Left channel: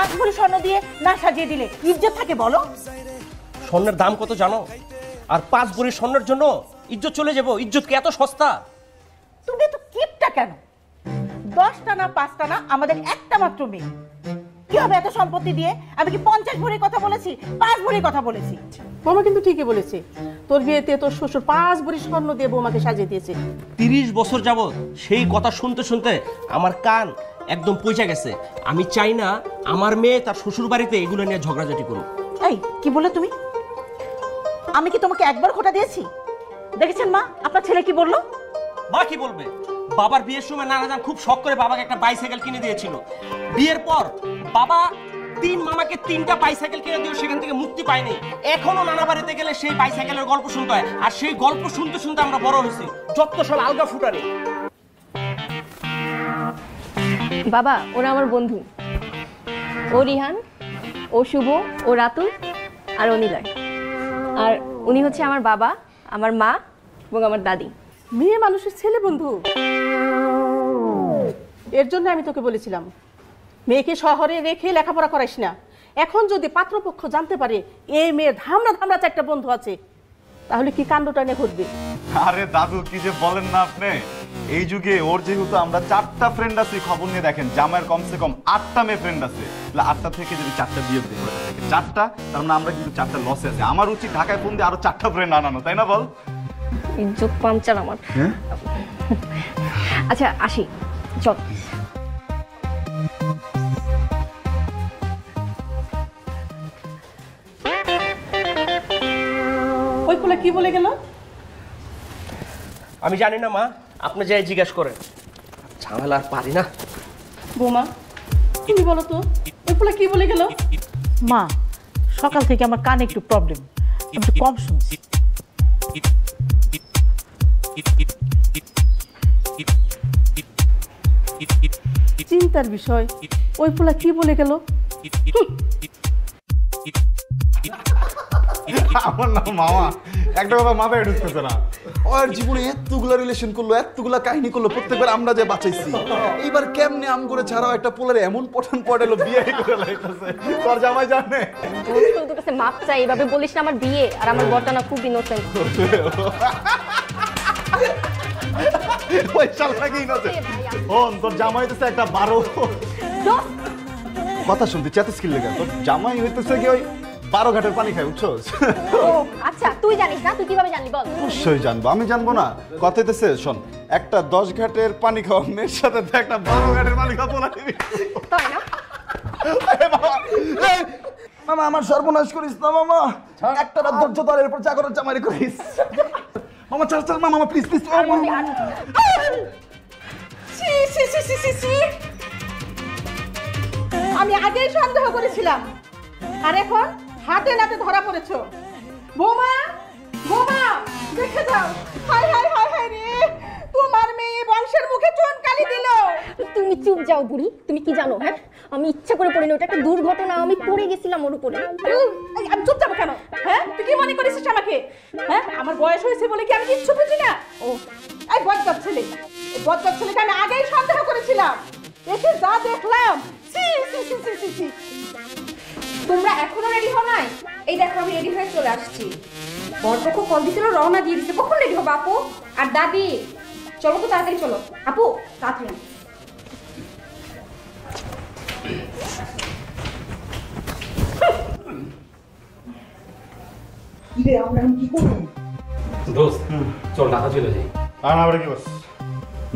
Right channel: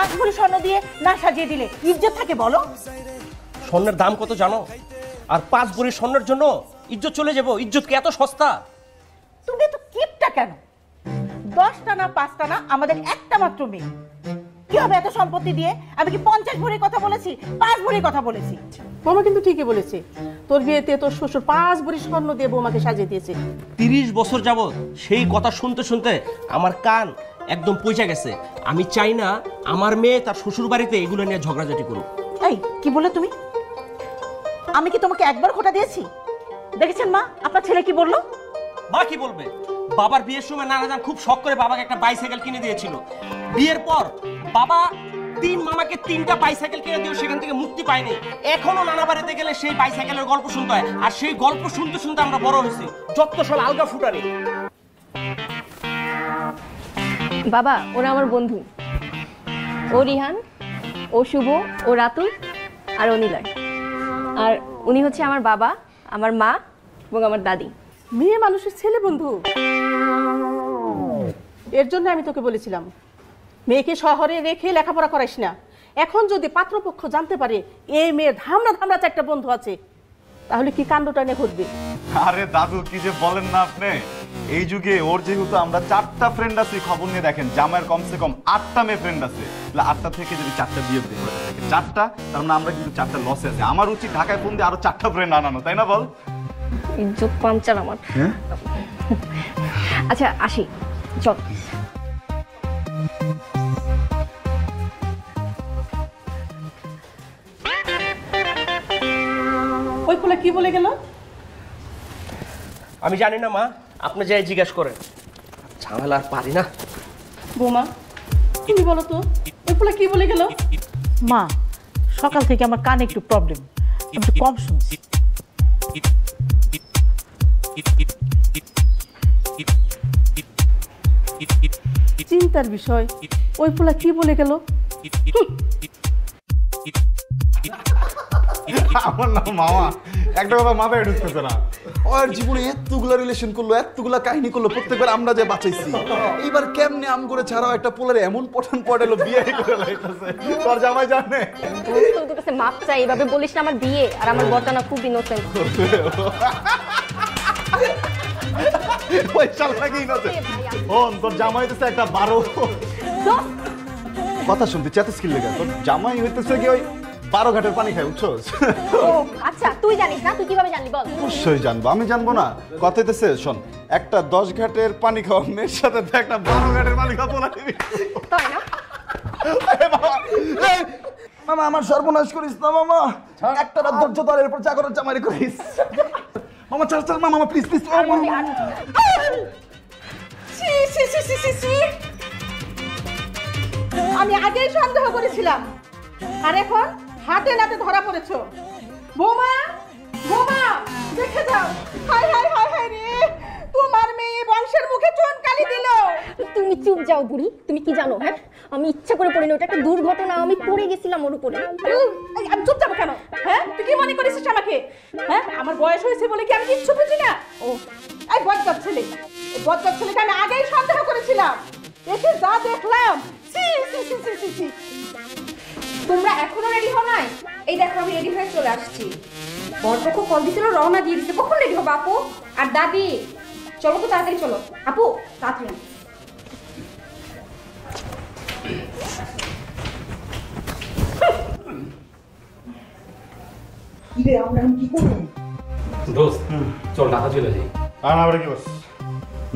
5 ভরি স্বর্ণ দিয়ে না সাজিয়ে দিলে ইজ্জত থাকে বলো? স্বর্ণের দাম কত জানো? আর 5 ভরি স্বর্ণের জন্য ইজ্জত চলে যাবো? ইজ্জত কি এত সস্তা? তুমি তো কিপটা কেন? 10টা না 5টা না, আমাদের একটা মাত্র মেয়ে, কি হবে এত সম্পত্তি দিয়ে? আমি কি 50 ভরির কথা বলেছি? 5 ভরির কথা বলেছি। মামা কিন্তু ঠিকই বলেছে, তোর বিয়েতে তোর শ্বশুর 5 ভরি স্বর্ণ দিয়ে বৌমাকে সাজিয়ে দিয়েছে। 30 বছর যাবত সেই কথা শুনতে শুনতে আমার কান একদম পয়সা গেছে। আমি চাই না আমার মেয়ে তার শ্বশুর বাড়িতে এগুলো নিয়ে ঝগড়াঝাটি করুক। এই কি বলে তুমি? আমি কি তোমাকে একবার খোটা দিয়েছি? দেখেছেন মা, আপনার ছেলে কি বললো? মা কি বলবে? বাবার বিয়ের সময় নানাজান খুব শখ করে বাবাকে একটা বাইসাইকেল কিনে দিয়েছিল। বিয়ের পর বাবা 3 মামাকে 3টা বাইসাইকেল কিনে দিয়ে সেখান থেকে মুক্তি পায়নি। এখনো নানা বাড়িতে গেলে সেই বাইসাইকেলের গল্প শুনতে হয়, আর সেই গল্প শুনতে শুনতে আমরা বড় হয়েছি। যত সব আলগা ফুটানি। বাবা, ওরা আমার বন্ধু। ও রিহান, ও শুভ, ও রাতুল, আর ও নীলয়। আর উনি হচ্ছে আমার বাবা, আমার মা এবং আমার দাদি। মেয়ে মানুষের ছেলে বন্ধু। এর জন্য আমি তোকে বলেছিলাম মেয়েকে শহরে রেখে লেখাপড়া করাইস না। এখন যদি পাত্রপক্ষ জানতে পারে এই মেয়ে ধামড়া ধামড়া 4টা বন্ধু আছে, তাহলে কি কাণ্ডটা নিয়ে ঘটবে? আরে দাদু কি যে বলেন না আপনি, এই যুগে ওর যেহেতু আমরা 4টা ফ্রেন্ড আছি, খবর নিয়ে দেখেন জামাইয়ের কমসে কম 8টা মেয়ে ফ্রেন্ড আছে। 8টা থেকে যদি 4টা বিয়ে দিই, 4টা, তার মানে আমরা কিন্তু 4টা লসে আছে। আমার উচিত ঢাকায় ফোন দিয়ে আরো 4টা ফ্রেন্ড আনানো, তাই না বল? ইজ্জত পাঞ্চার আমার। আচ্ছা আসি, চল। ওই পোলা কি বলে গেল? আমি জানি না মা, আপনি যাই জিজ্ঞেস করেন। ঝামেলা আর পারি না। বৌমা তুমি বলো তো, ওই পোলা কি বলে গেল? মা, সকাল থেকে আমার কানে একটু প্রবলেম, একটু কম শুনছি। চিন্তার বিষয়, ওই পোলা কি বলে গেল? আমার না মামা একটা কথা মাথায় ঢুকতেছে না। ওর জীবনে এতগুলা রিলেশন করলো, এতগুলা কাহিনী করলো, প্রত্যেকবার আমরা যে বাঁচাইছি, এইবার কেমনে আম করে ছাড়াও একটা পোলার এমন পঠন পড়ালো, বিয়ে করে লাইতেছে। তোর জামাই জানে মাপ চাই, এইভাবে বলিস না। আমার বিয়ে আর আমার বরটা না খুব ইনোসেন্ট। ওই চাল লাগেই না। ফোন তোর জামাই হইতেছে একটা 12 কথা শুনতে চেতস্কিল লিখা। তোর জামাই হইতেছে কি ওই 12 ঘাটের পানি খায়, বুঝছস? আচ্ছা তুই জানিস না? তুই কিভাবে জানলি বল? অবশ্যই জানবো, আমি জানবো না? কথা হইতেছে শোন, একটা 10 ঘাটের পানি খাওয়া মেয়ের সাথে একটা 12 ঘাটের পানি খাওয়া পোলা নিবি, তাই না? মামা আমার সর্বনাশ করিস না মামা। একটা রাত ধৈর্য ধর, এরপর চা করার চামারি করিস। মামা চল চল মামা, প্লিজ প্লিজ। আমি আগেই সন্দেহ করেছিলাম, আর এখন হাতে নাতে ধরা পড়েছো। বৌমা, বৌমা দেখে যাও। হায় হায় হায় হায় রে, তোমার মেয়ে বংশের মুখে চুনকালি দিল। তুমি চুপ যাও বুড়ি। তুমি কি জানো? হ্যাঁ, আমি ইচ্ছা করে পড়িনি, ওটা একটা দুর্ঘটনা। আমি পড়ে গেছিলাম ওর উপরে। আমি চুপ যাবো কেন? হ্যাঁ, তুই কি মনে করিস আমাকে? হ্যাঁ, আমার বয়স হয়েছে বলে কি আমি কিচ্ছু বুঝি না? ও এই বজ্জাত ছেলে, বজ্জাত ছেলেকে আমি আগেই সন্দেহ করেছিলাম। এসে যা দেখলাম, সি সি সি সি সি সি। তোমরা এখনো রেডি হও নাই? এই দেখো আমি রেডি হয়ে চলে আসছি। বর দেখো কল দিছিল, রওনা দিয়ে দিচ্ছে। কখন রেডি হবে আপু আর দাদি? চলো তো তাড়াতাড়ি চলো আপু, তাড়াতাড়ি।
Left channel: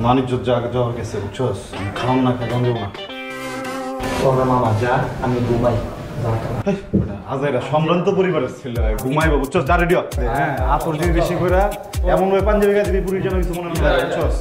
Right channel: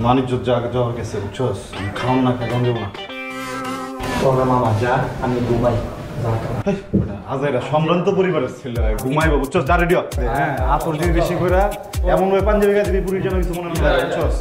মানিক জায়গা যাওয়া গেছে, বুঝছস? খাওয়ান না খাওয়ান না। আমি ঘুমাই। আচ্ছা, এটা সম্ভ্রান্ত পরিবারের ছেলে, ঘুমাইবো, বুঝছস? যা রেডি হ। হ্যাঁ, আকর্ষণ বেশি করে এমন ভাবে পাঞ্জাবি গাছ পুরী জন মনে হয়, বুঝছস?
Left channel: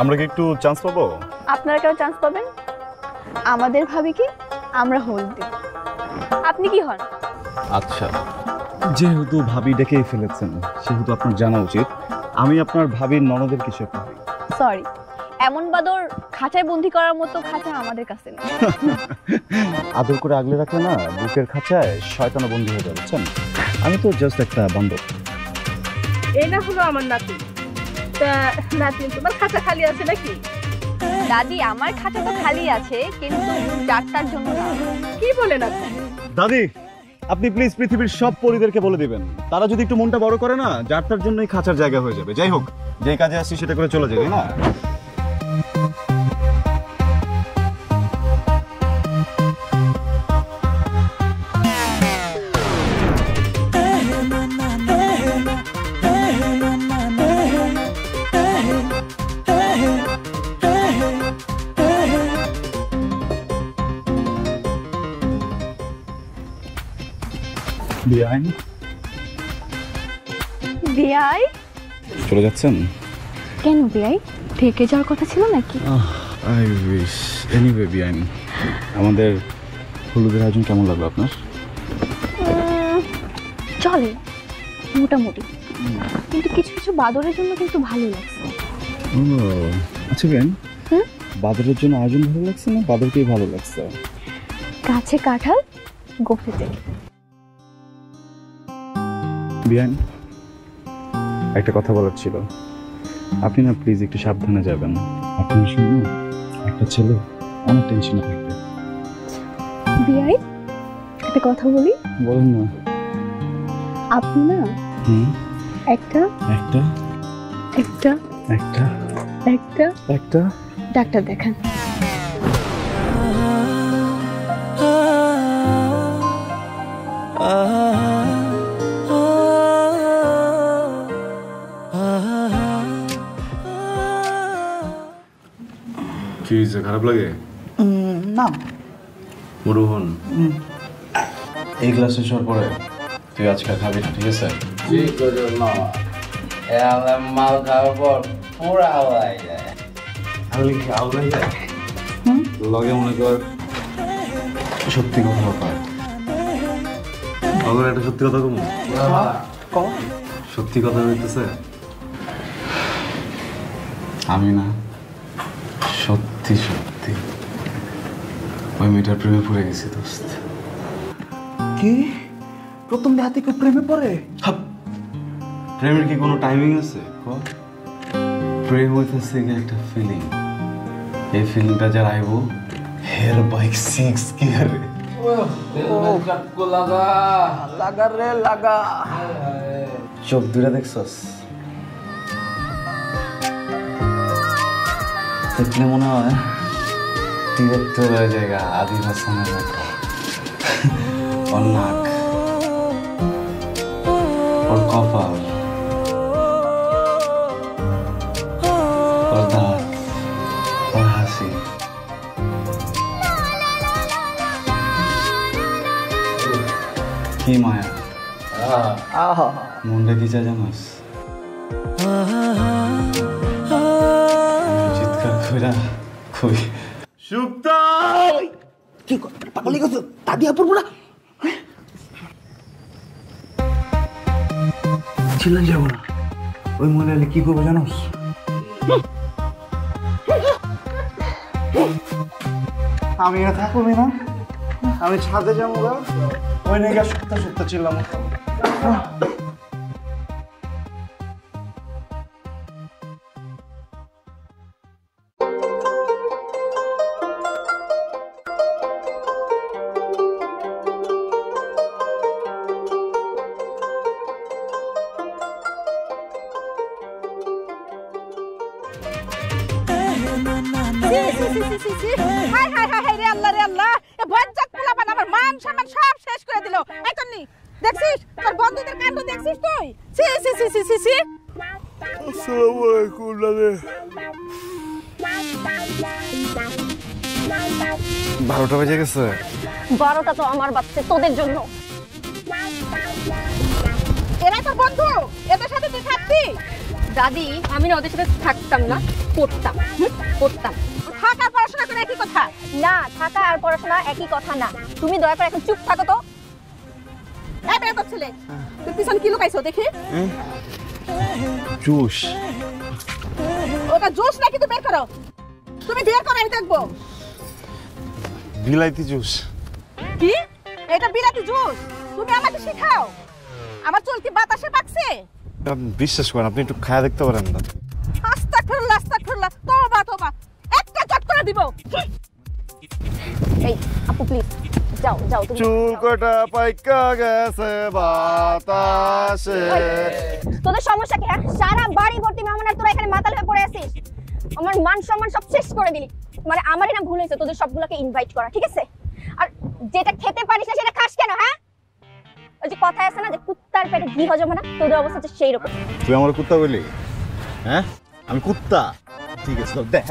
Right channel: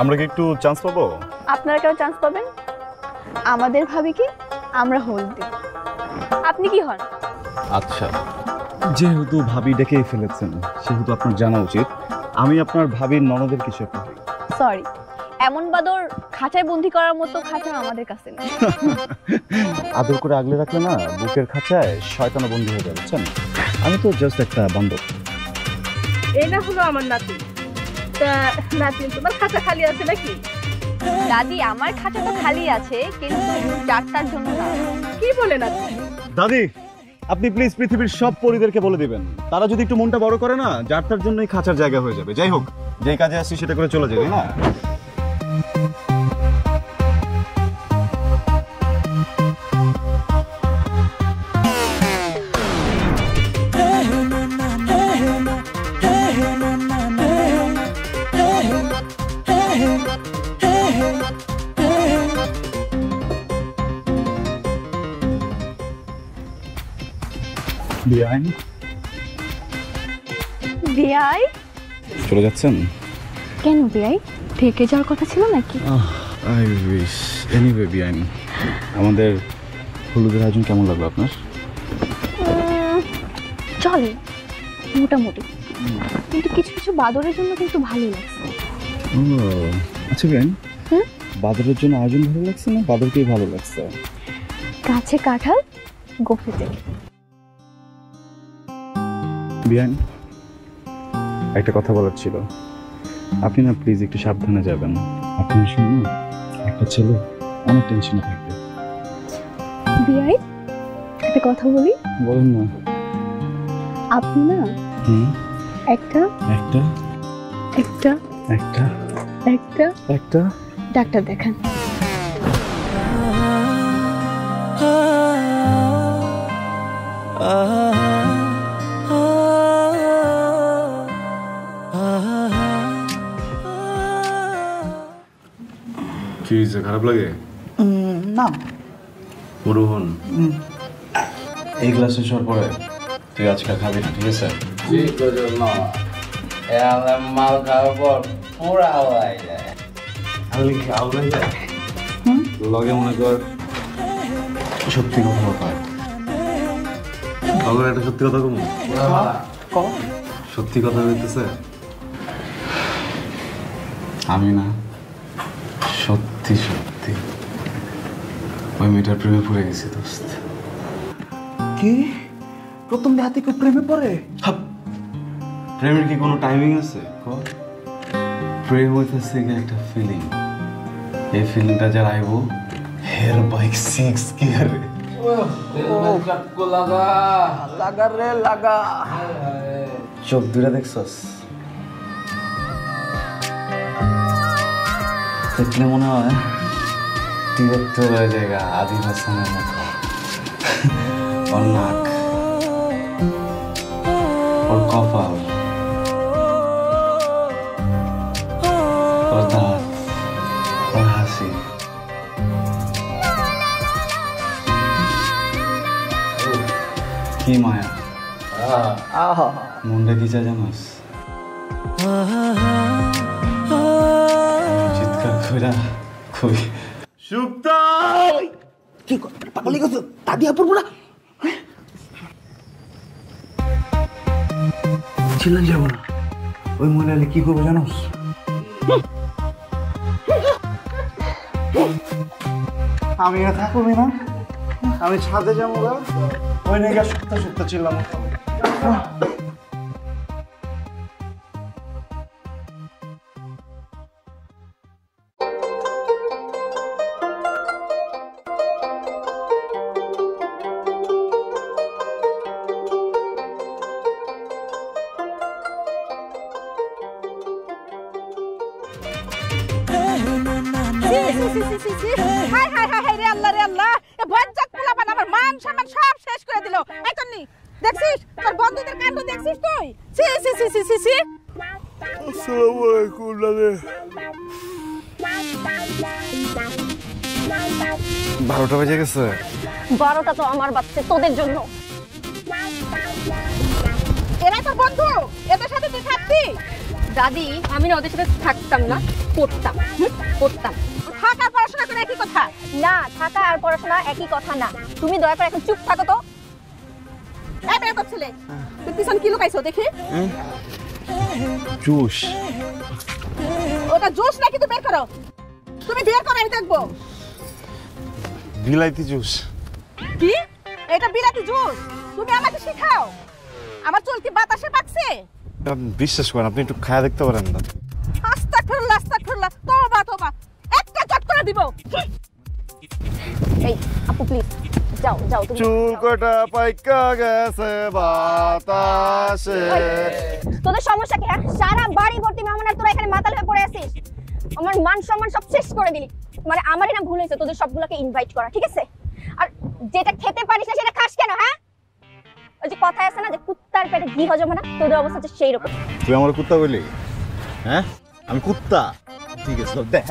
আমরা কি একটু চান্স পাবো? আপনারা কেউ চান্স পাবেন? আমাদের ভাবিকে আমরা হন। আপনি কি হন? আচ্ছা, যেহেতু ভাবি ডেকেই ফেলেছেন সেহেতু আপনার জানা উচিত আমি আপনার ভাবির ননদের কিছু করি। সরি, এমন বাদর খাঁচায় বন্দি করার মতো খাঁচা আমাদের কাছে নেই। আদর করে আগলে রাখলে না বুকের খাঁচায় শয়তানা বন্ধু হয়ে যাবে, বুঝছেন? আমি তো জাস্ট একটা বান্ধব। এটা হলো আমার নাতি। তা নাতি তোমার খাতা খালি আছে নাকি? দাদি, আমার খাঁচাটা খালি আছে, কিন্তু ডাক্তার জন্য না। কি বলেন আপনি? দাদি, আপনি প্লিজ পৃথিবীর সব পরিবারকে বলে দেবেন তারা যদি একটু মনটা বড় করে না, যার তার জন্যই খাঁচার জায়গা হয়ে যাবে। যাই হোক, যে কাজে আসছি সেটা করে চলে যাবে না। বিয়ান বিয়াই? চলে যাচ্ছেন? কেন বিয়াই? থেকে যাওয়ার কথা ছিল নাকি? I wish. এনিওয়ে বিয়ান, আমাদের হলুদের আয়োজন কেমন লাগলো আপনার? চল, মোটামুটি, কিন্তু কিছু কিছু বাদরের জন্য কিন্তু ভালো লাগছে। ও আচ্ছা বিয়ান, বাদরের জন্য আয়োজন ভালো লাগছে না বাদরকেই ভালো লাগছে? গাছে কাঁঠাল, গোপুতে। বিয়ান, একটা কথা বলার ছিল। আপনি না প্লিজ একটু সাবধানে যাবেন। আপনি শুনুন, একটা ছেলে অনেক টেনশনে থাকে। বিয়াই, একটা কথা বলি। বলেন না। আপনি না একটা একটা একটা একটা একটা একটা ডাক্তার দেখান। কি খারাপ লাগে? না, মরুন এই গ্লাসে সব পড়ে তুই আজকে ভাবি, ঠিক আছে? মাল খাওয়ার পর পুরো আওয়াজ যায়। আমি আউলাই যায় লগে মনে কর সত্যি কথা পায়। বাংলা একটা সত্যি কথা বলবো? সত্যি কথা বলতেছে আমি না, সত্যি সত্যি আমি মেয়েটার প্রেমে পড়ে গেছি। দোস্ত, কি প্রথম রাতে কেউ প্রেমে পড়ে? প্রেমের কি কোনো টাইমিং আছে? প্রেম হইতেছে একটা ফিলিং। এই ফিলিংটা যারা আইব এর বাইক 6 গিয়ার লাগা রে লাগা। চোখ দূরে দেখছস? তোর মনে হয় তোর জায়গা আদিবাসী অন্যাক ওর কপাল কি মায়া, মনটা কি চা জানিস? কি পাগল হয়ে গেছো? দাদিয়া পড়বো না? ওই মনে হলে কি করবো জানোস? আমি করবি না, আমি ছাদে যাবো, ওই মেয়েটা সত্য সত্য ছিলাম। বারোটা বেজে গেছে। 12টা তো আমার বাচ্চা তোদের জন্য। দাদি আমি না ওদের সাথে থাকতাম না, করতাম করতাম। থাকা পড়াশোনা করে একই কথা। না, থাকা আর পড়াশোনা একই কথা না। তুমি দয়া করে এখন চুপ থাকো তো। এই বের কর ছেলে, পিছনে কি লুকাইছো দেখি? জুস। ওটা জুস নাকি তো বের করো। তুমি বের করো আমি দেখবো। বিলাইতি জুস। কি? এটা বিলাতি জুস? তুমি আমাকে শেখাও? আমার চুল কি বাতাসে পাকছে? বিশ্বাস করেন, আপনি একটু খায়া দেখতে পারেন না। আস্তাগফিরুল্লাহ, আস্তাগফিরুল্লাহ। তোদের সমস্যা কি? সারা বাড়ি ভর্তি মেহমান আর তোরা এখানে মাতাল হয়ে পড়ে আছিস। আমার মান সম্মান সব শেষ করে দিলি। মানে আমারই না ভুল হয়েছে তোদের সবগুলোকে ইনভাইট করা, ঠিক আছে? আর যেটা খেতে পারিস না সেটা খাস কেন? হ্যাঁ, ওই যে কথা আছে না যে কুত্তার পেটে ঘি হজম হয় না, তোদের অবস্থা তো সেই রকম। তুই আমার কুত্তা বলি? হ্যাঁ, আমি কুত্তা? ঠিক আছে, চল দেখ।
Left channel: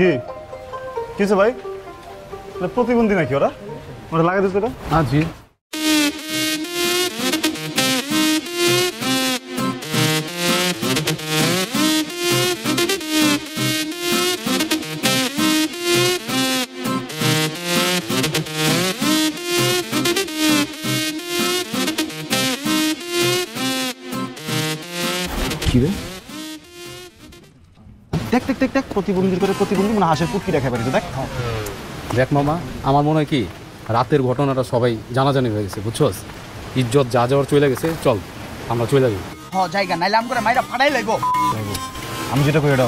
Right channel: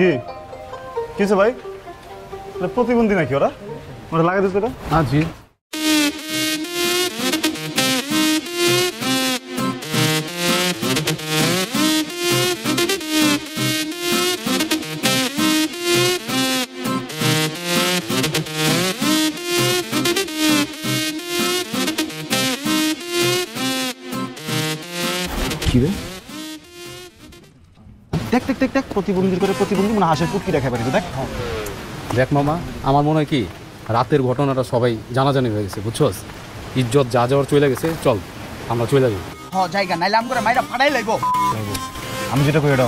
কি কিছু ভাই, প্রতিবন্ধী নাকি ওরা? ওরা লাগাই দিচ্ছে তো? আজি কি রে? দেখ দেখ দেখ দেখ, প্রতিবন্ধীর করে প্রতিবন্ধী মনে হাসে ফুটকি দেখা পারি। দেখ দেখ মামা, আমার মনে হয় কি রাতের ঘটনাটা সবাই জানাজানি হয়ে গেছে, বুঝছস? ইজ্জত যা যাওয়ার চলে গেছে, চল আমরা চলে যাবি। হ্যাঁ জায়গা নাইলে আমরা মাইরা ফাড়াই লাগবো। আমি যেটা কই এটা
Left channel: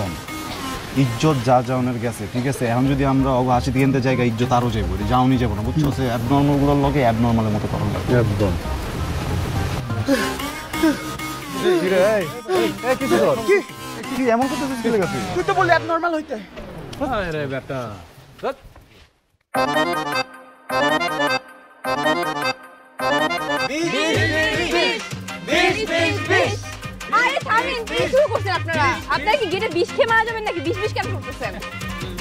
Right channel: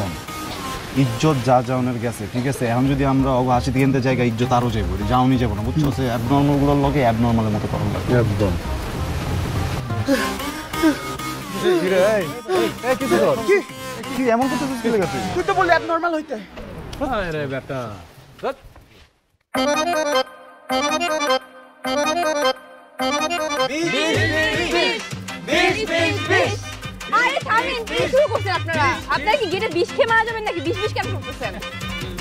ইজ্জত যা যাওনের গেছে, ঠিক আছে? এখন যদি আমরা অগাছু দিয়ে জায়গা ইজ্জত আরো যাইব, যাওনি যাবো না, বুঝছো? অ্যাবনর্মাল গুলোর লগে অ্যাবনর্মালের মতো কথা বলবো। একদম। কি এমন কথা চলে গেছে? তুই তো বললি অ্যাবনর্মাল হইতে। আরে বেটা, আপনারা কি গেটে বিষ খেয়ে মারা যাবেন নাকি? বিষ কেন করতেছেন?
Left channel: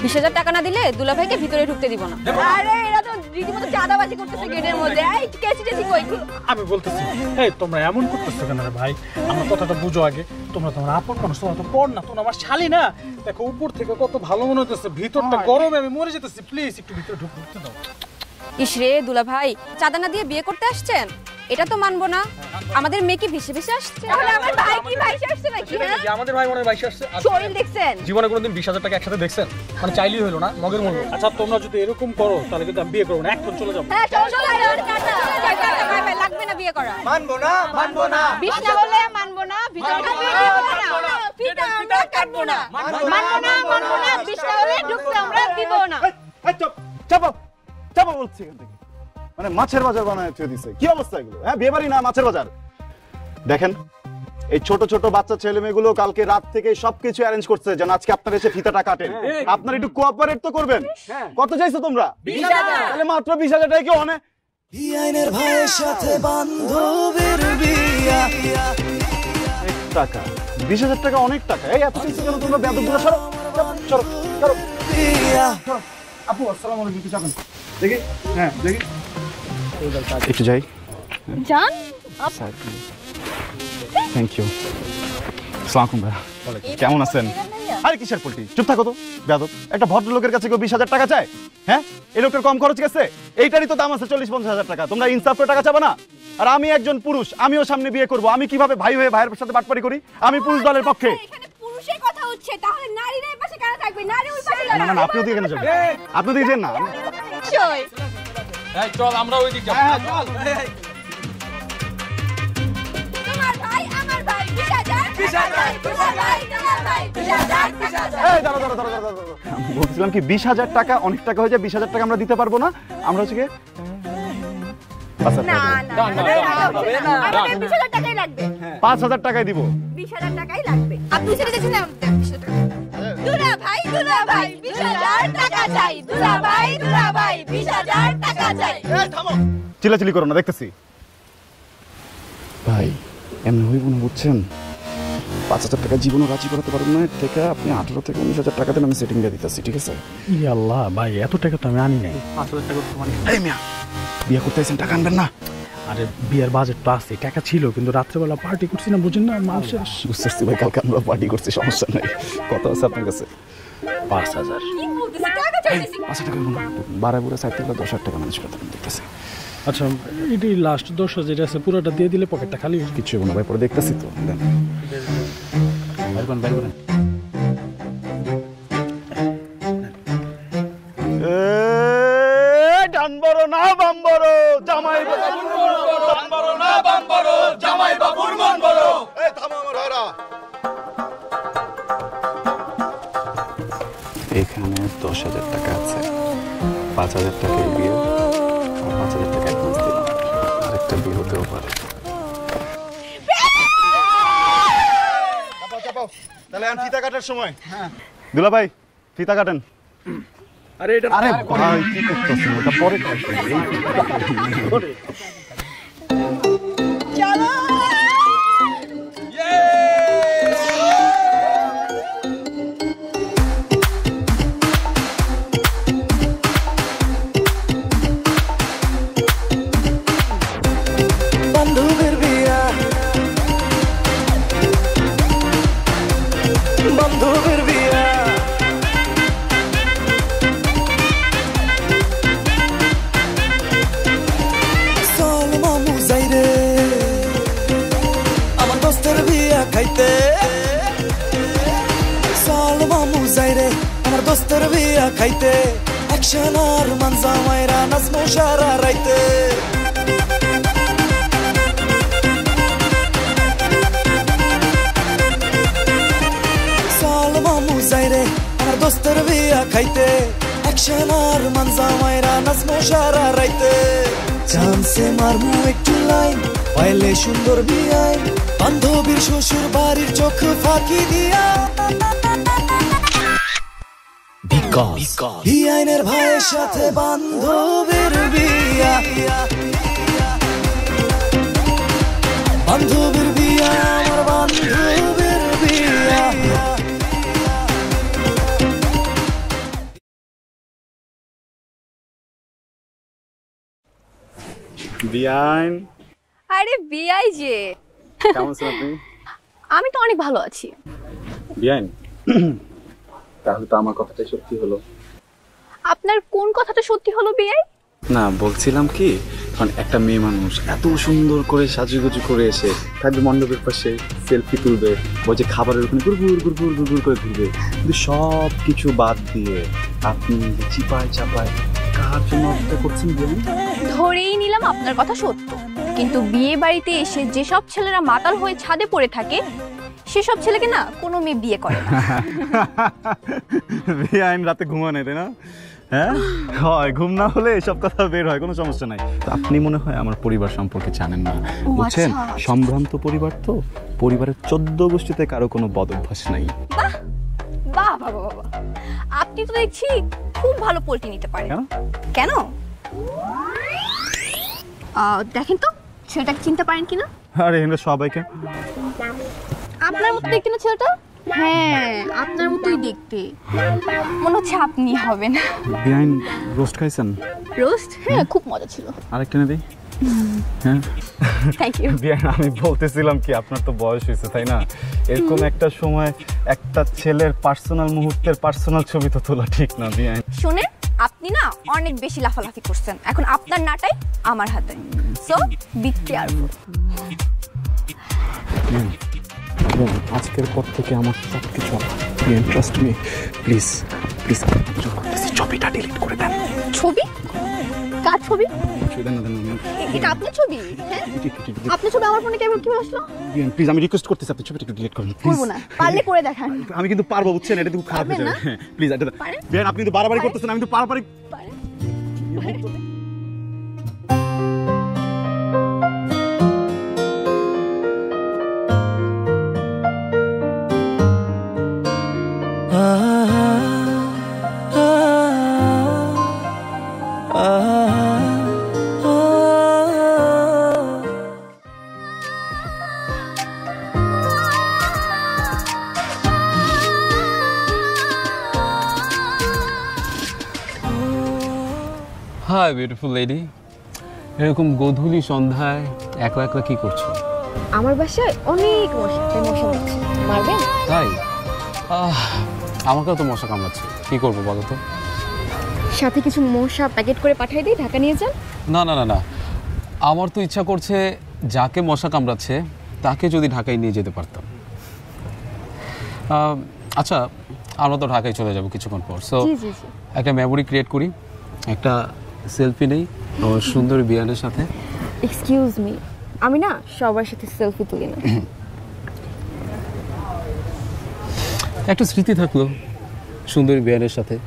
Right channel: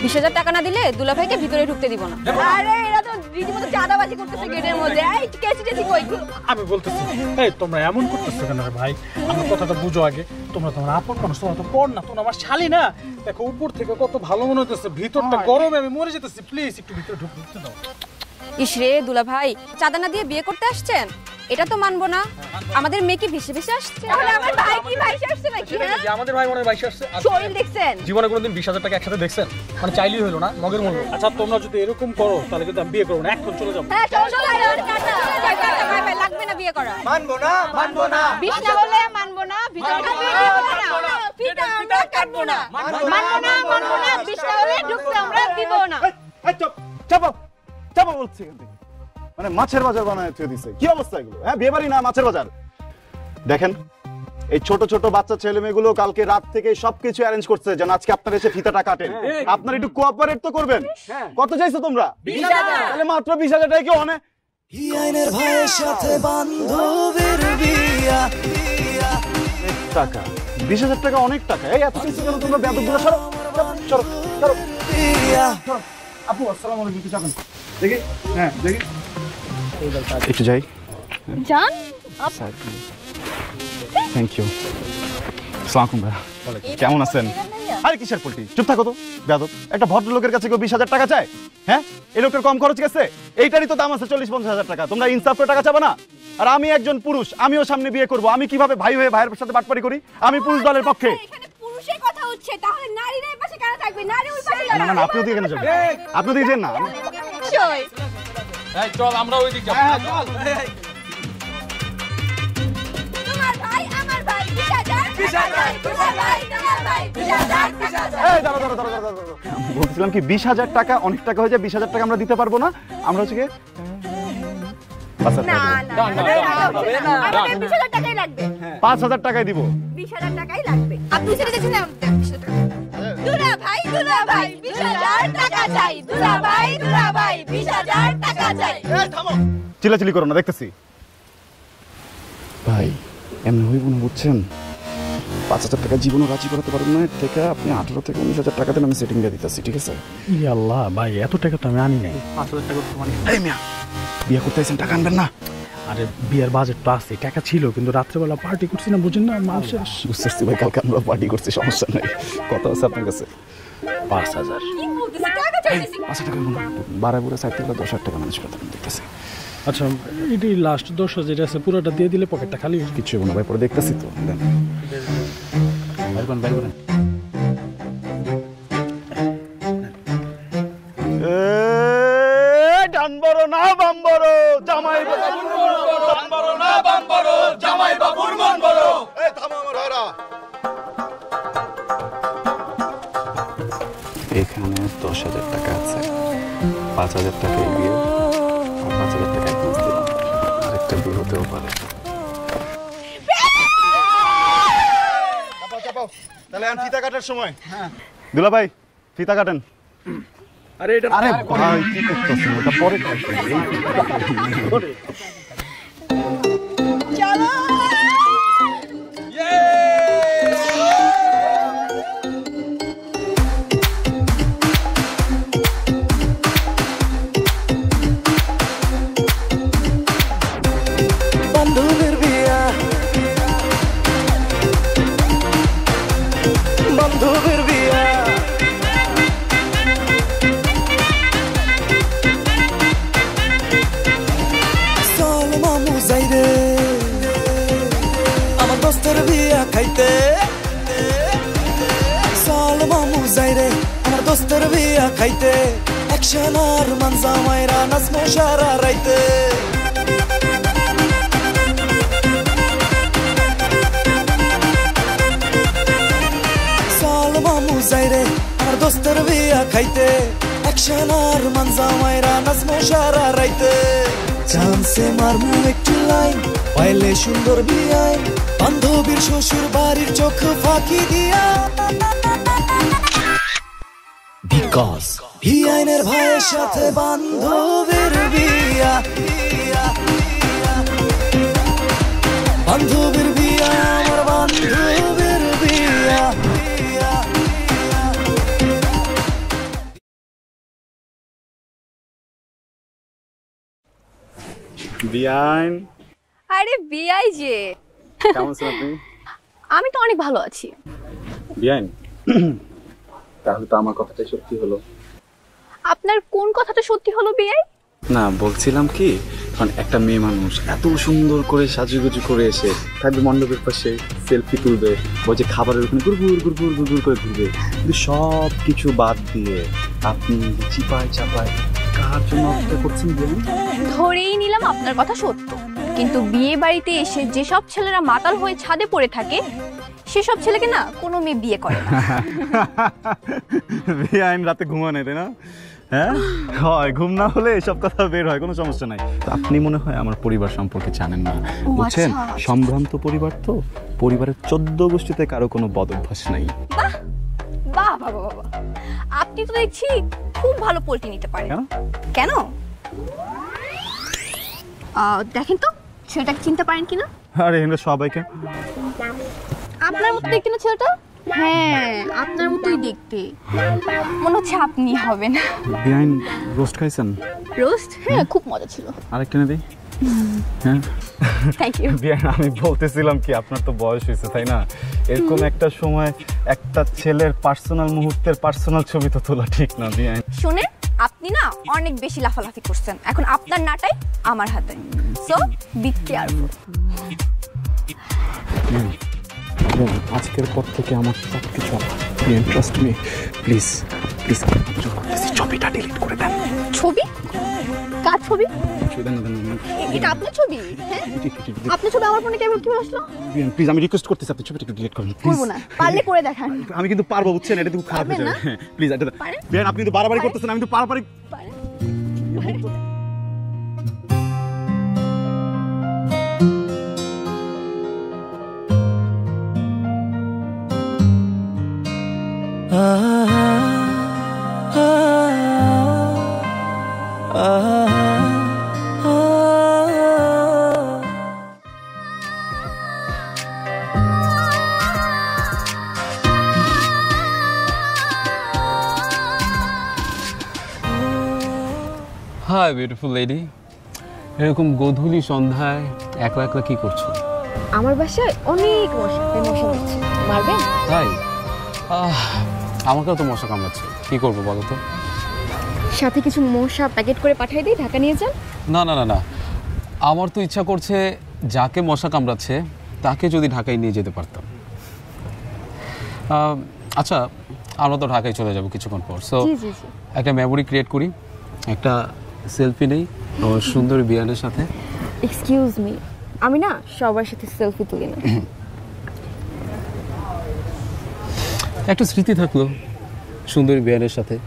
20,000 টাকা না দিলে দুলাভাইকে ভিতরে ঢুকতে দিব না। আরে এরা তো রীতিমতো চাঁদাবাজি করতেছে গেটের মধ্যে। এই কেসটা কই? আমি বলতেছি, এই তোমরা এমন করতেছো কেন রে ভাই? কথাটা বুঝো আগে। তোমরা তোমার আপন মানুষ, তোমরা তো পড় না, তোমরা আমার শালি না। দেখো উপর থেকে কত ভালো মনে হইতেছে, ভিতরটা গরমে আমি মরে যেতেছি। প্লিজ একটু ভিতরে ঢুকো। ইসরে দুলাভাই, চাঁদা না দিয়ে বিয়ে করতে আসছেন? এটা তো মানবো না। আমাদের মেয়েকে ভেসে ভেসে আসছে। তাহলে আমার ভাই কি ভাইসে আসছে নাকি? হ্যাঁ, আমাদের ভাই মনে ভাই আসছে। শরীর দেখছেন? জীবনে কোনোদিন 20,000 টাকা একসাথে দেখছেন? মানে চাইলেই হলো না, মগের মূল্য। আচ্ছা তোমরা যদি এরকম খাও তাহলে কিন্তু আমি বিয়ে করবো না, এখন চলে যাবো। হ্যাঁ, চলো লাগবে না বিয়ে করা। মানবো না, মানবো না। বিষ না হলে মানবো না, ভিতরে ফিটা আমরা কাটবো না। মানবো না, মানবো না, বিষ না হলে ঢুকতে আমরা দিব না। চাপা চাপা বলছি, মানে মাছের বাজার বানায় তুই দিছে। কি অবস্থা এগুলো? হ্যাঁ, বিয়ে বাড়ি না মাছের বাজার। দেখেন, এই ছোট ছোট বাচ্চা ছেলে মেয়েগুলো কালকে রাত থেকে সবকিছু অ্যারেঞ্জ করছে যেন আজকে আপনার এসে ফিতাটা কাটেন। আপনারা একটু কোঅপারেট তো করবেন। কত চাইছো তোমরা? 20,000। তাহলে মাত্র 20,000 টাকা কি অনেক? টাকা 20,000 টাকা অনেক টাকা। এই এত কিছু কেন তোমরা বেয়াদবগুলো? সরো সরো সরো। আপু আসসালামু আলাইকুম, কি যাবেন? দেখি, হ্যাঁ দেখি একটু যাই। জান, থ্যাংক ইউ। আসসালামু আলাইকুম ভাই, কেমন আছেন? আরে কিসের পোল্ট্রি, চুপ থাকো তো বেয়াদব। একটা ভদ্রলোকের কাছে কেউ 20,000 টাকা চায়? হ্যাঁ, এই লোকের কম খরচ গেছে? এইটারই তো দাম আছে 40-50,000 টাকা। তোমরা ইনসাফ করে টাকা চাবা না? আর আমি একজন পুরুষ, আমিও সামনে বিয়ে করব। আমি কিভাবে ভাই হয়ে ভাইয়ের সাথে বাটপারি করি? আমি পুরুষ দলের পক্ষে। এখানে পুরুষের কথা হচ্ছে, তাহলে নারীরা এই পাশে কেন থাকবে? নারী ওই পাশে না না না, আপনি দিকে যাবেন, আপনি দিকে যান না। চল আমরা ওই দিকে যাবো। তোমার ভাই আমার ভাই 20,000 বলছিলাম কি 20,000 টাকা অনেক টাকা হয়ে যায়। 20,000 টাকা আমরা দিতে পারবো না। আমরা হচ্ছে কি না না না, আমাদের 20,000 টাকাই লাগবে। 5,000 টাকাই দিব। 20,000 টাকাই লাগবে। আপনি সেটা দেখে নাও। দুলাভাই 20,000 টাকা চাই। দুলাভাই 20,000 টাকা চাই। চিল্লাচিল্লি করো না, দেখতেছি। ভাই এমনি হইব না, বুঝছেন? 5,000 টাকা জীবনও রাজি করাতে পারবেন না, এর থেকে আপনি 18 থেকে 19,000 টাকা দেন, আমি সেটিং দিয়ে দিতেছি, ঠিক আছে? আল্লাহ ভাই, এত টাকা তো আমি আনি নাই। 5,000 টাকা মানে এই মিয়া, বিয়ে করতে আইছেন, টাকা আনবেন না? আরে বিয়ের বাজেট তো আছে, টাকা ছিল, কিন্তু রাত্রেবেলা পার্টি করছি না, বুঝেন না মানুষের। বুঝতেছি ভাই, কালকে আমরা পার্টি করছি, সমস্যা নাই। কত আছে আপনার কাছে? 5,000 বাড়াবো 10,000 টাকা মানুষ কথা বলতেছে। আচ্ছা, এটি লাস্ট 10,000 আছে, পুরোটা দিয়ে দিলে পকেটটা খালি হবে। কিছু না, পরে দেখতেছি তো। এখানে 10,000 টাকা আছে, 5,000 টাকা দিয়ে 5,000 টাকা একটা বিয়ে হতেও পারে। তাহলে এখন ফিতা কাটার সময়। দুলা ভাই, ফিতা কাটেন। আরে ভাই কি করতেছেন, ওটা পরে কাটবেন। Kaite, actionar manza mayra nas moshara raite. Salma zaire, dostur biya kaite, actionar manza mayra nas moshara raite. Chance marmu ektilai, paile shukor biyai, bandhobir shoshur barir chokh faki diya. হিয়ানের ভাইয়ের সাথে বান্ধবীর বিয়া, বান্ধবীর বিয়া, আমার বান্ধবীর বিয়া। আমি তো অনেক ভালো আছি। বিয়ান, তাহলে তো আমার কথাটাই সত্যি হলো। আপনার কোন কথাটা সত্যি হলো বিয়াই? না, বলছিলাম কি, মানে একটা মেয়ে মানুষ এত সুন্দর করে সাজুগুজু করে এসে থাকবে মণ্ডপের পাশে, সেলফি তুলবে, ওই যে খাবারের ওখানে গুড়গুড় গুড়গুড় গুড়গুড় করে তুলবে, সব কিছু বাদ দিয়ে আপনি চিপায় চাপায় কার জন্য অপেক্ষা করছেন বিয়ান? ধরেই নিলাম আপনার কথা সত্য, কিন্তু বিয়ে বাড়িতে এসে যেসব ছেলেরা মাতাল হয়ে ছাদে পড়ে থাকে, সেসব ছেলেকে না কোনো মেয়ে বিয়ে করে না। বিয়ান রাতে ঘুমা নেই, তাই না? হ্যাঁ হয়, ঘুম না হলে সব কথা বের হয়, কোনো সমস্যা নেই। আপনি মনে হয় আমার পরিবার সম্পর্কে জানেন না, বুঝছেন? সম্ভ্রান্ত পরিবার তো, পরিবারের 14 গোষ্ঠীতে কারো কোনো বদ অভ্যাস নাই। বাহ বাহ বাহ বাহ, আপনি তো দেখছি খুব ভালো পোল্ট্রি নিতে পারেন। কেন? দেখেন তো ছেলেটাকে চিনতে পারেন কিনা? আরে এখানে সবাইকে আপনার মতো দেখতে না ছেলেটা? হ্যাঁ, আপনার মতোই দেখতে, মনে হচ্ছে আপনি হবেন। বিয়ান রোস্ট খাইছেন? রোস্ট? হ্যাঁ, খুব মজা ছিল। আরেকখানে দেই। হ্যাঁ থ্যাংক ইউ। আমি বলতেছিলাম কি, আপনার তো বয়স হয়েছে, তাই না? এরকম একটা সময় একটা ছেলের পার্সোনাল মুহূর্তের পার্সোনাল ছবি তো তোলা ঠিক না বিয়ান। শুনেন, আপনি না অনেক বেশি লাফালাফি করছেন, এখন আপনার নাটাই আমার হাতে, সো বি কেয়ারফুল। আজকের পর থেকে আমার কিছু ট্রাস্ট মি, প্লিজ প্লিজ, ছবিটা ডিলিট করে দেন। ছবি? কার ছবি? এটা আপনার ছবি? হ্যাঁ, আপনার ছবি আমার ফোনে কেমন কিভাবে আসলো? প্লিজ, আমি রিকোয়েস্ট করতেছি, আপনি ছবিটা একটু ডিলিট করুন। করবো না, পারলে করে দেখান। আমি কিন্তু পারবো, বুঝছেন? এটা কিন্তু খারাপ হয়ে যাবে। প্লিজ বিয়ান, আপনি তো বারবারই করতেছেন, আমি তো পারবারই। হাই বিউটিফুল লেডি, এরকম গধূলি সন্ধ্যায় একলা একলা কি করছো? আমার বাসায় অনেক মশা, তাই মশা হচ্ছে। মারবেন? তাই আমাকেও তো মশা কামড়াচ্ছে, কি করবো বলো তো? সাথে কিছু মশা প্যাকেট করে পাঠিয়ে দাও, হাতে নিয়ে যান। না না না না, আমার তো ইচ্ছা করছে যাকে মশা কামড়াচ্ছে তাকে যদি ঢাকায় নিয়ে যেতে পারতাম। আচ্ছা, আমরা তো ঢাকায় চলে যাবো কিছুক্ষণ পর, সো একটা মেমোরি ক্রিয়েট করি, একটা সেলফি নেই আমার সুন্দর বিয়ানের সাথে। এক্সকিউজ মি, আমি না সবার সাথে সেলফি তুলি না। একটা স্মৃতি থাকলো সুন্দরী বিয়ানের সাথে।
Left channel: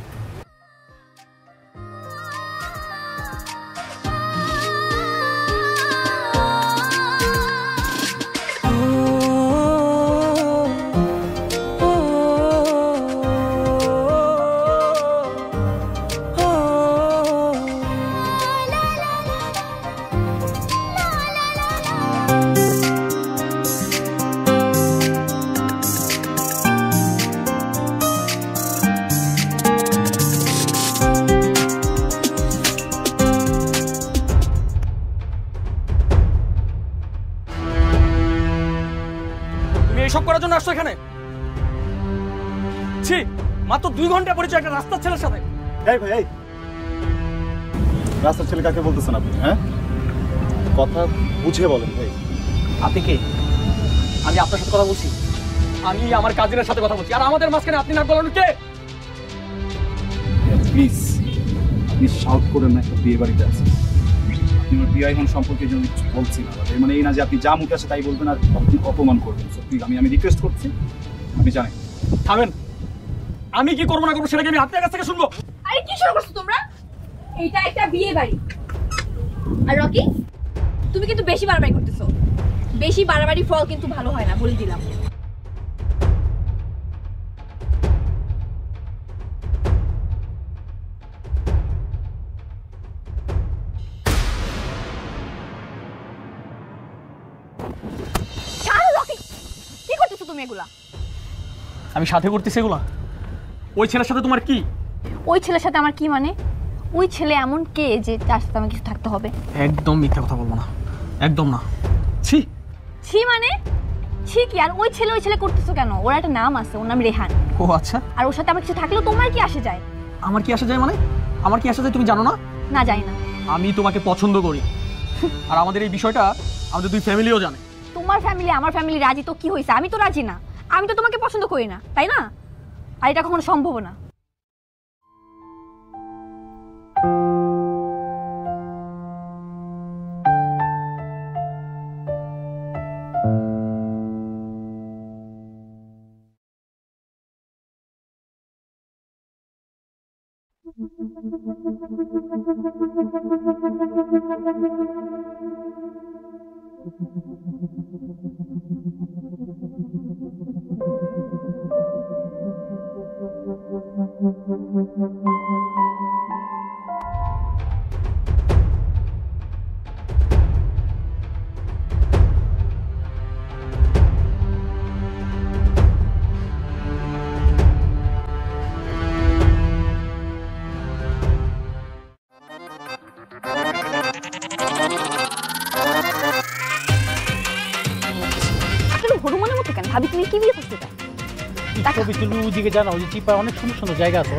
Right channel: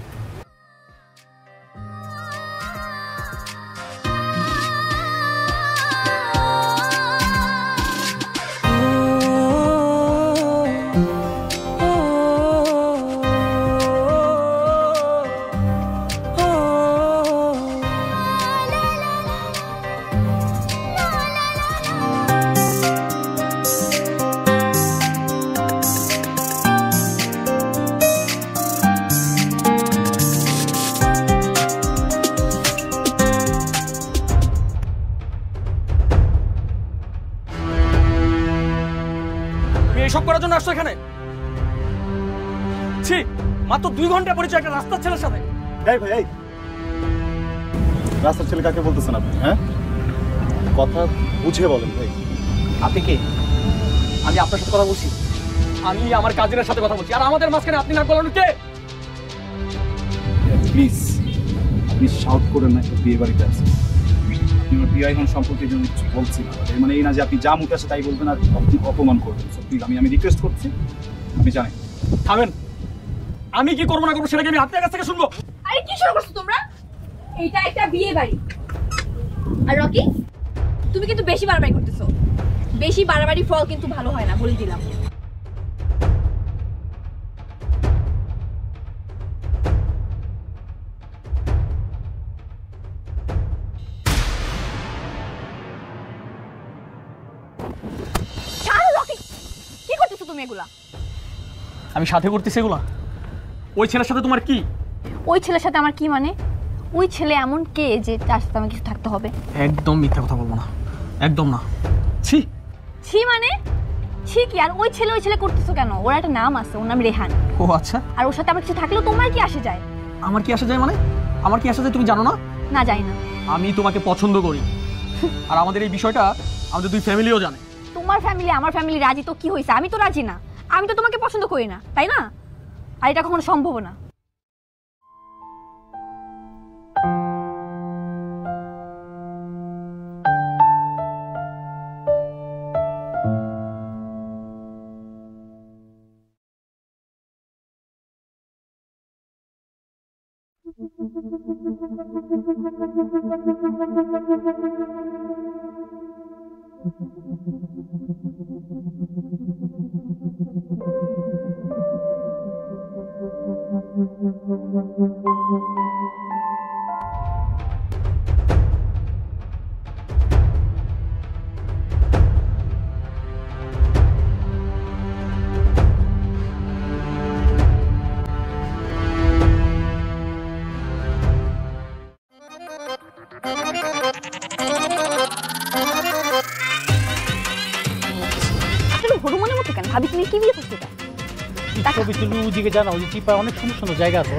এসব করার জন্য আসছো এখানে? মাত্র 2 ঘন্টা পরিচয় একটা রাস্তার ছেলের সাথে। এই ভাই, এই রাস্তার ছেলে কাকে বলতেছেন আপনি? কথা বুঝিয়ে বলেন। আপনি কে? আমি আপনার সাথে কথা বলছি, আমি আমার কাজিনের সাথে কথা বলছি, আর আমাদের মাঝখানে আপনি নাক গলানো কে? প্লিজ আপনি শাউট করেন না, একটা বিয়ে বাড়িতে আছে। আপনার বিয়ে এখন সম্পর্কে কিছু বলছি না, মানে এই না যে আপনি যা মুখে আসে তাই বলবেন আর আপনি অপমান করবেন। আমি রিকোয়েস্ট করছি, আপনি জানেন। থামেন, আমি কি করবো না করবো সেটাকে আমি আপনার কাছ থেকে শুনবো? আরে কি শুরু করছো তোমরা? এটা একটা বিয়ে বাড়ি। আর রকি, তুমি কিন্তু বেশি বাড়াবাড়ি করতেছো। বেশি বাড়াবাড়ি ফল কিন্তু ভালো হয় না, বলে দিলাম। কি করতেছো তুমি এগুলা? আমি সাথে করতেছি এগুলো? ওই ছেলের সাথে তোমার কি? ওই ছেলের সাথে আমার কি মানে? ওই ছেলে এমন কে যে তার সাথে আমাকে থাকতে হবে? একদম মিথ্যা কথা বলবো না, একদম না। ছি ছি মানে? ছি কি? আর ওই ছেলে করতেছো কেন? ওর একটা নাম আছে, ওর নাম রেহান। ও আচ্ছা, আর ওর সাথে আমার কিছু থাকলেও তোমার কি আসে যায়? আমার কি আসে যায় মানে? আমার কি আসে যায় তুমি জানো না? না, জানি না। আমি তোমাকে পছন্দ করি, আর আমাদের এই বিষয়টা আমাদের 2 ফ্যামিলিও জানে। তোমার ফ্যামিলি আমার ফ্যামিলি রাজি তো কি হয়েছে? আমি তো রাজি না। আমি তো তোমাকে পছন্দ করি না, তাই না? আর এটা কখনো সম্ভব না। ভাবি তুমি কি বিয়ে করতে চাও? তুমি ওইদিকে জানো, ওই চিপা অনেক সুন্দর সুন্দর জায়গা আছে।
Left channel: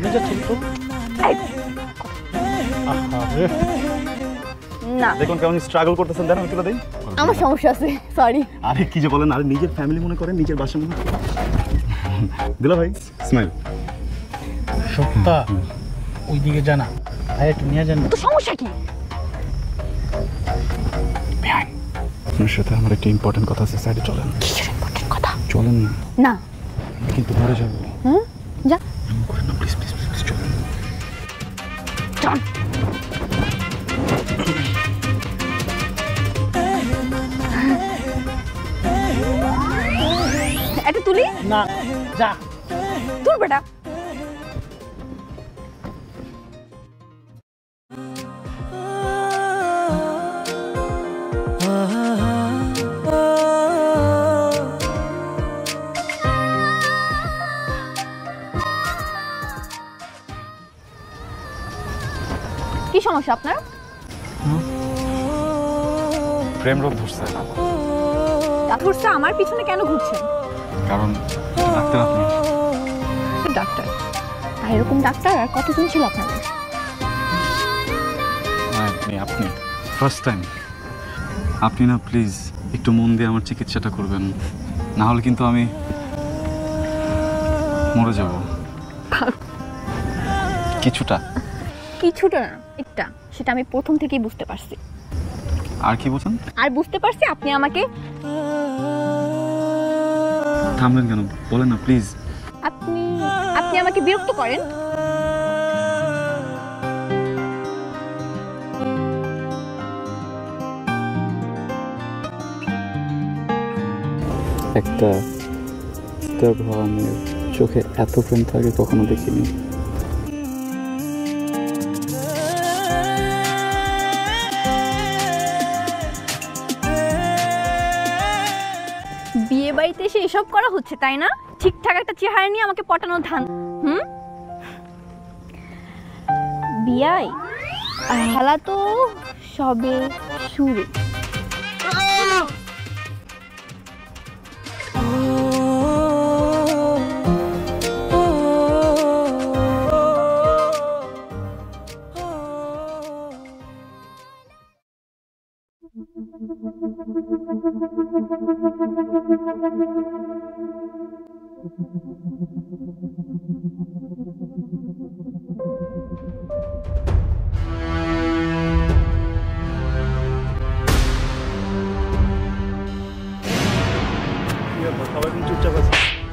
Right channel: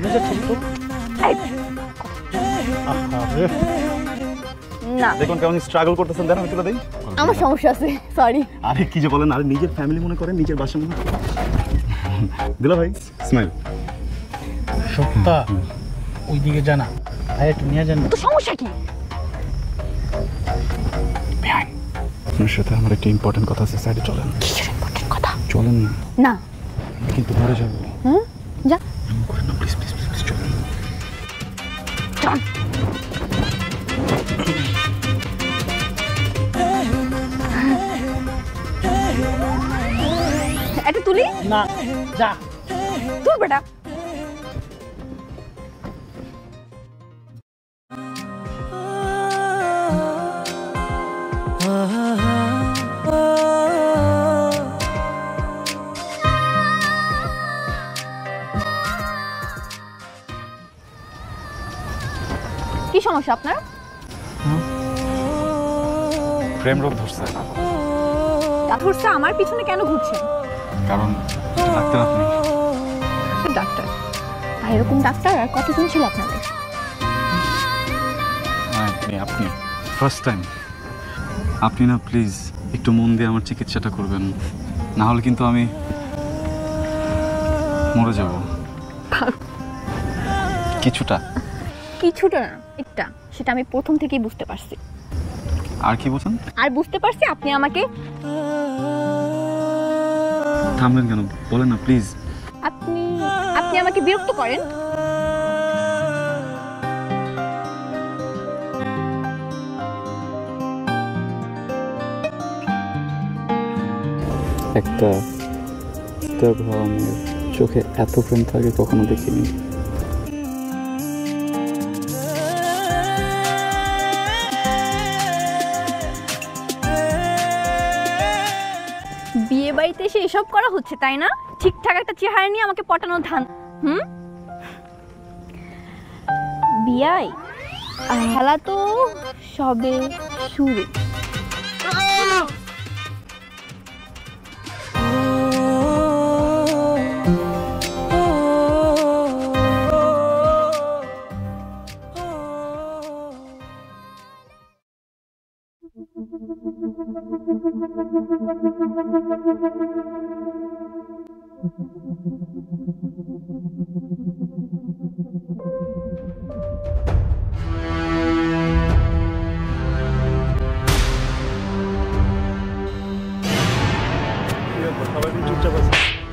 না, দেখুন কেমন স্ট্রাগল করতেছেন, জানেন একটু দেই। আমার সমস্যা আছে, সরি। আরে কি যে বলেন, আরে নিজের ফ্যামিলি মনে করেন, নিজের বাসা মনে দিলা ভাই। স্মাইল। সত্তা ওইদিকে জানা, আর একটু নিয়ে জানি। তো সমস্যা কি? আপনার সাথে আমার একটা ইম্পর্টেন্ট কথা আছে, সাইডে চলেন। কিসের ইম্পর্টেন্ট কথা? চলেন না। কিন্তু মরে যাবো। হুম, যা। প্লিজ প্লিজ প্লিজ চলেন। এটা তুলি না, যা তুই বেটা। কি সমস্যা আপনার? প্রেম রোগ ধরছে। ধরছে আমার পিছনে কেন ঘুরছেন? কারণ ডাক্তার আপনি। ডাক্তার? এরকম ডাক্তার আর কত ছিল আপনার? আপনি ফার্স্ট টাইম। আপনি না প্লিজ একটু মন দিয়ে আমার চিকিৎসাটা করবেন, না হলে কিন্তু আমি মরে যাব। কিছুটা একটা, সেটা আমি প্রথম থেকেই বুঝতে পারছি। আর কি বলছেন? আর বুঝতে পারছি আপনি আমাকে থামবেন কেন? বলেন না প্লিজ। আপনি আমাকে বিরক্ত করেন। একটা চোখে এত ফোন থাকে কখনো দেখিনি। বিয়ে বাড়িতে এসে এসব করা হচ্ছে তাই না? ঠিকঠাক একটা চেহারা নিয়ে আমাকে পটানোর ধান। বিয়াই খেলা তো সবে শুরু।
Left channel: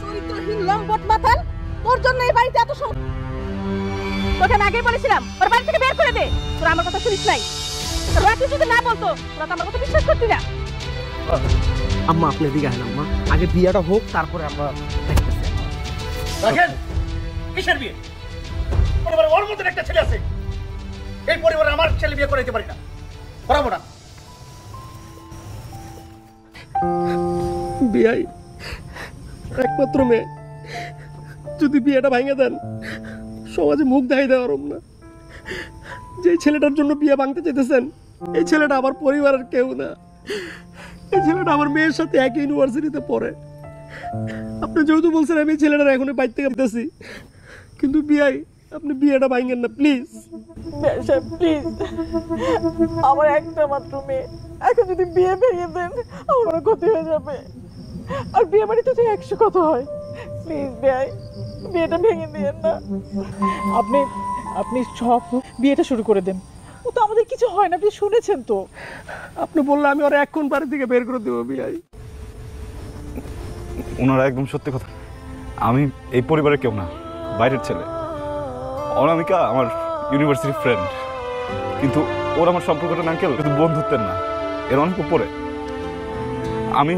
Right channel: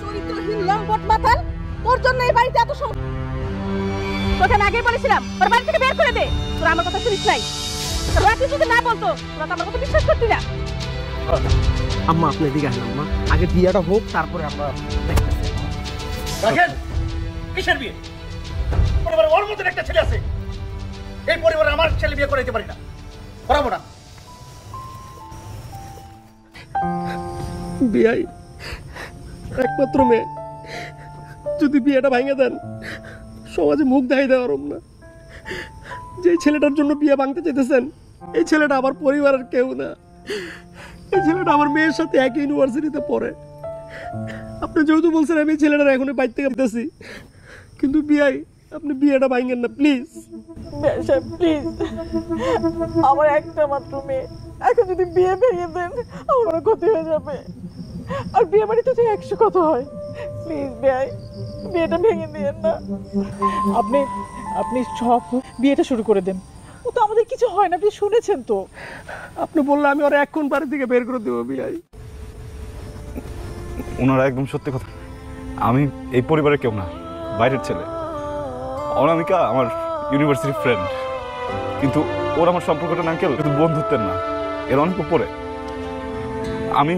চরিত্রহীন লম্পট মাথাল, তোর জন্য এই বাড়িতে এত তোকে আমি আগেই বলেছিলাম ওর বাড়ি থেকে বের করে দে। তোরা আমার কথা শুনিস নাই। তুই যদি না করতো তোরা তো আমার কথা বিশ্বাস করতে না। আম্মা আপনি দিকে আনলাম না, আগে বিয়েটা হোক তারপরে আমরা কিসের বিয়ে? পরিবারে ওর মধ্যে একটা ছেলে আছে, এই পরিবারে আমার ছেলে বিয়ে করাইতে পারি না, করাবো না। বিয়াই একমাত্র মেয়ে, যদি বিয়েটা ভেঙে দেন সমাজে মুখ দেখাই দেওয়ার না। যে ছেলেটার জন্য বিয়ে ভাঙতে চেয়েছেন এই ছেলেটা আমার পরিবারের কেউ না। এই ছেলেটা আমার মেয়ের সাথে একই ইউনিভার্সিটিতে পড়ে। আপনি যেহেতু বলছেন আমি ছেলেটার এখনই বাইর থেকে দিতেছি, কিন্তু বিয়াই আপনি বিয়েটা ভাঙেন না প্লিজ। প্লিজ, আমার একটা মাত্র মেয়ে, এখন যদি বিয়ে ভেঙে দেন আমার ক্ষতি হয়ে যাবে। আর বিয়ে বাড়িতে তো 100 কথা হয়। প্লিজ ভাই, বিয়েটা ভেঙে দিয়েন না। আপনি সব বিয়েটা শুরু করে দেন। ও তো আমাদের কিছু হয় না, আপনি শুনেছেন তো। আপনি বললে আমি ওরা এখন বাড়ি থেকে বের করে দেবো বিয়াই। ওনারা একদম সত্যি কথা। আমি এই পরিবারের কেউ না, বাইরের ছেলে। অনামিকা আমার ইউনিভার্সিটি ফ্রেন্ড, কিন্তু ওর আমার সম্পর্কটা না কেউ কিন্তু বন্ধুত্বের না, এর অনেক উপরে। আমি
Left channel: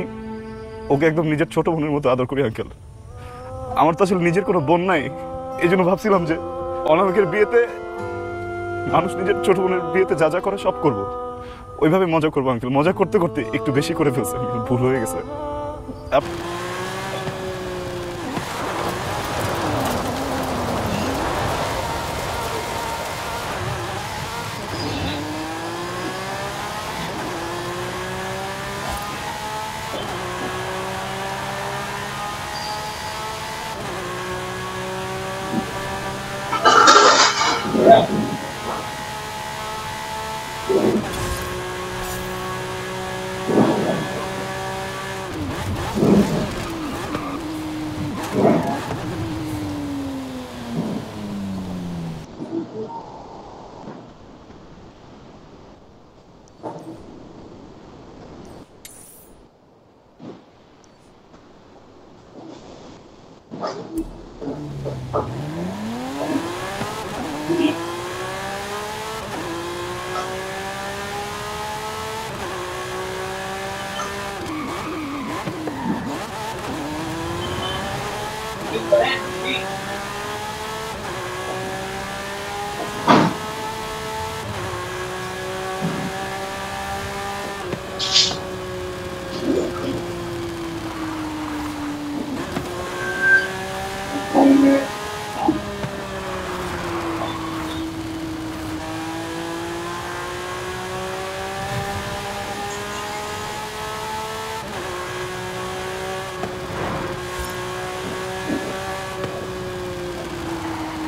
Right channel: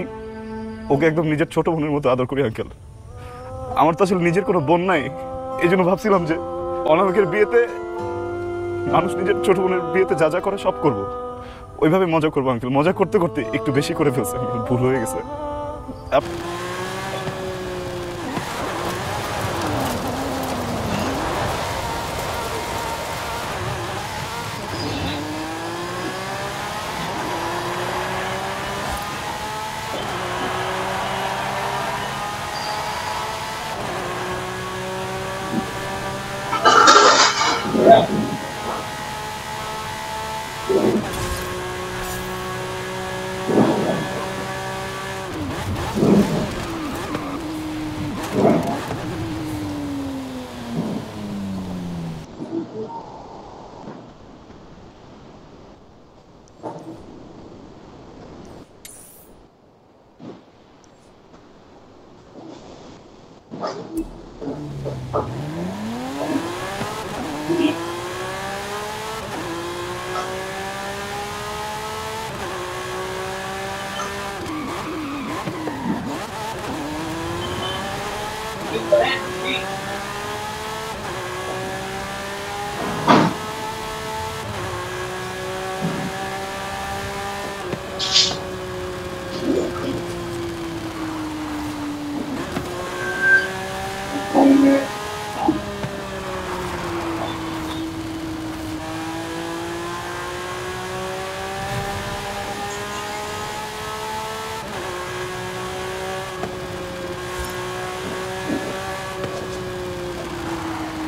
ওকে একদম নিজের ছোট বোনের মতো আদর করি আঙ্কেল। আমার তো আসলে নিজের কোনো বোন নাই, এই জন্য ভাবছিলাম যে অনামিকের বিয়েতে মানুষ নিজের ছোট বোনের বিয়েতে যা যা করে সব করবো, ওইভাবে মজা করবো আঙ্কেল। মজা করতে করতে একটু বেশি করে ফেলছে, ভুল হয়ে গেছে।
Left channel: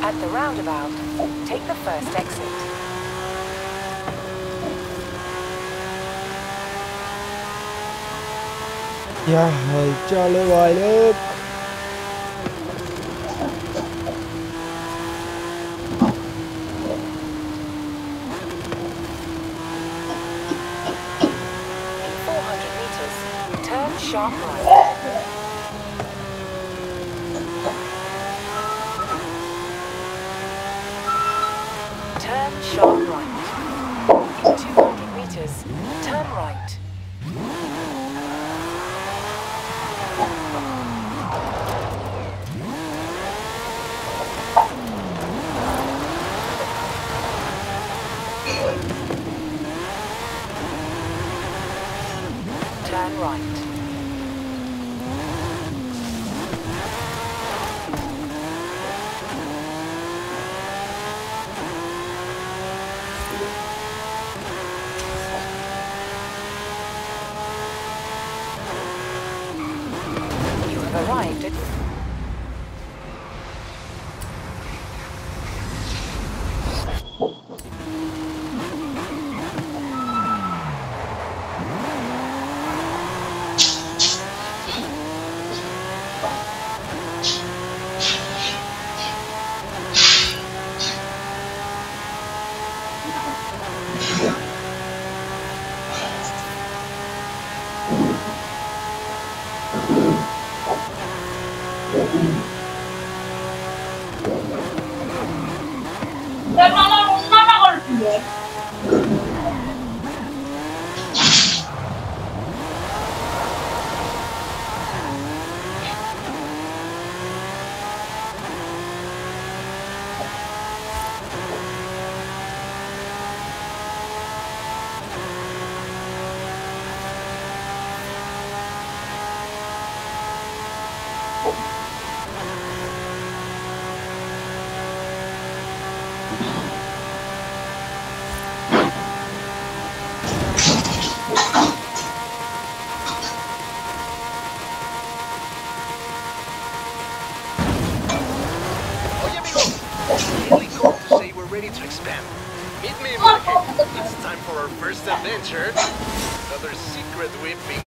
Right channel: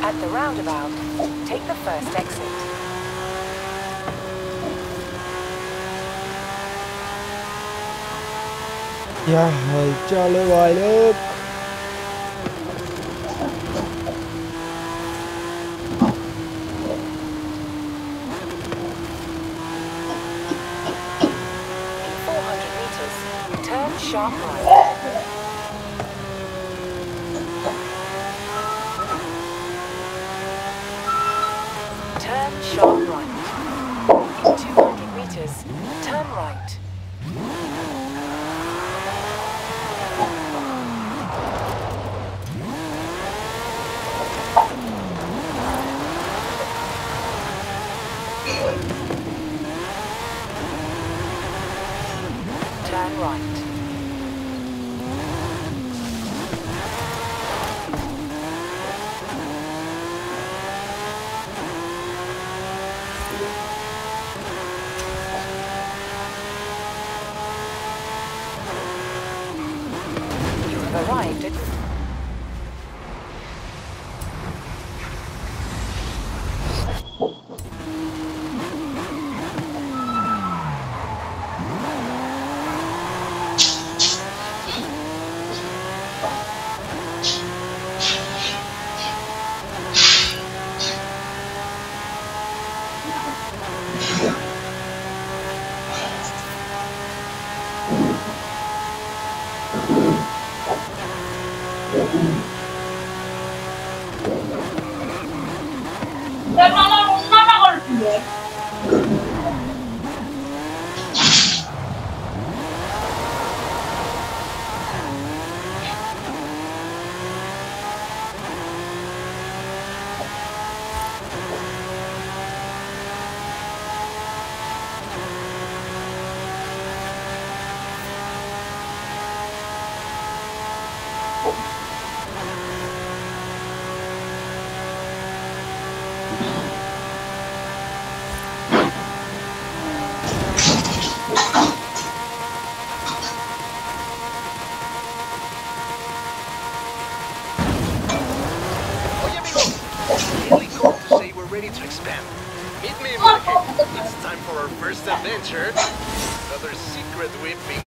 At the roundabout, take the first exit. Ya hãy cho lên bài lớp. In 400 meters, turn sharp right. Turn sharp right. In 200 meters, turn right. Turn right. You have arrived at ready to expand. Meet me in Monaco. It's time for our first adventure. Another secret we've been